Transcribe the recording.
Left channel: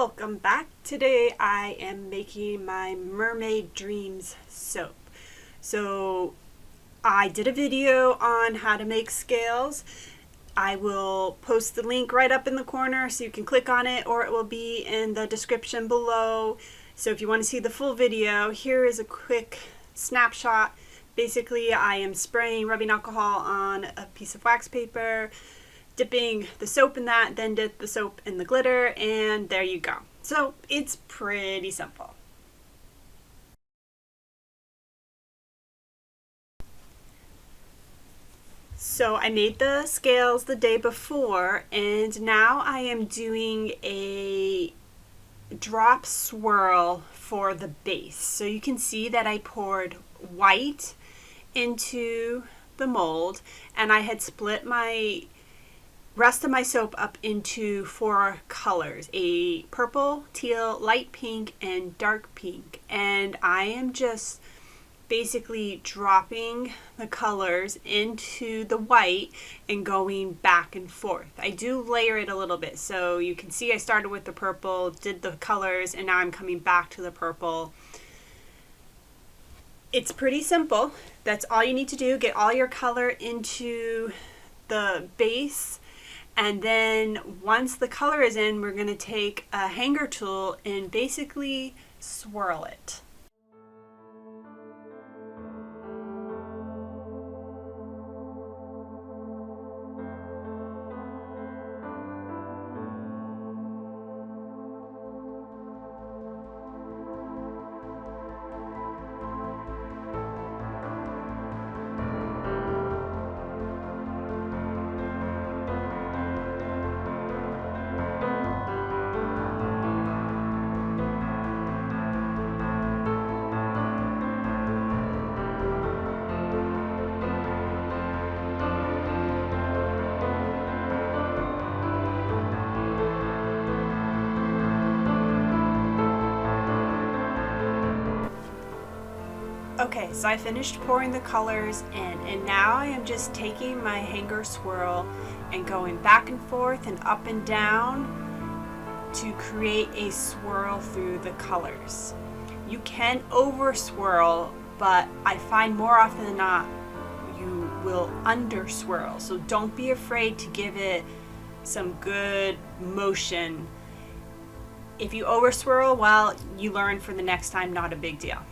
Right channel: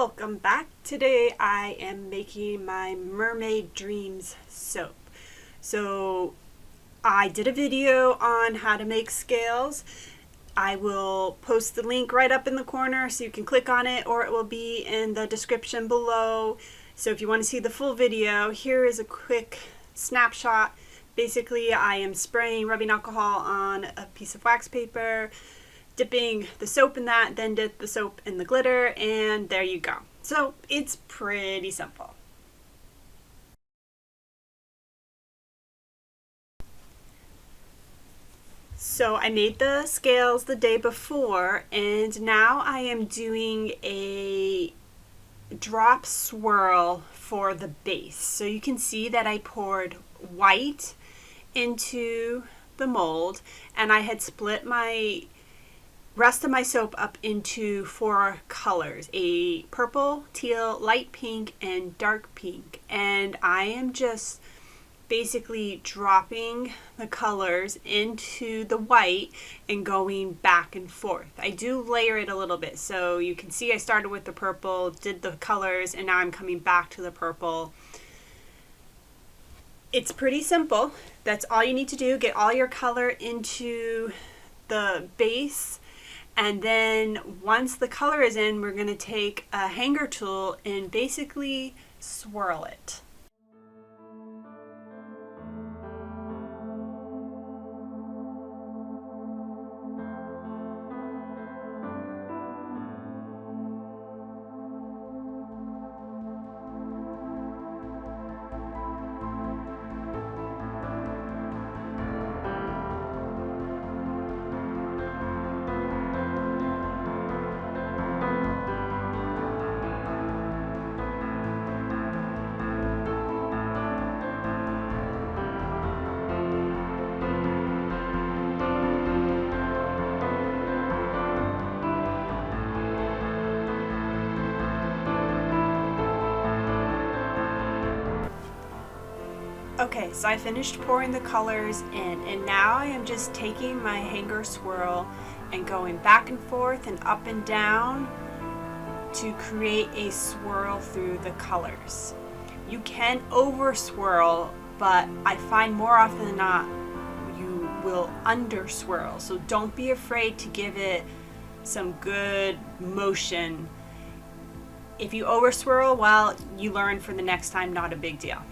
welcome back. Today I am making my Mermaid Dreams soap. So I did a video on how to make scales. I will post the link right up in the corner so you can click on it, or it will be in the description below. So if you want to see the full video, here is a quick snapshot. Basically, I am rubbing alcohol on a piece of wax paper, dipping the soap in that, then dip the soap in the glitter, and there you go. So it's pretty simple. So I made the scales the day before, and now I am doing a drop swirl for the base. So you can see that I poured white into the mold, and I had split my rest of my soap up into 4 colors: a purple, teal, light pink, and dark pink. And I am just basically dropping the colors into the white and going back and forth. I do layer it a little bit, so you can see I started with the purple, did the colors, and now I'm coming back to the purple. It's pretty simple. That's all you need to do. Get all your color into the base, and then once the color is in, we're going to take a hanger tool and basically swirl it. Okay, so I finished pouring the colors in, and now I am just taking my hanger swirl and going back and forth and up and down to create a swirl through the colors. You can over swirl, but I find more often than not you will under swirl. So don't be afraid to give it some good motion. If you over swirl, well, you learn for the next time, not a big deal.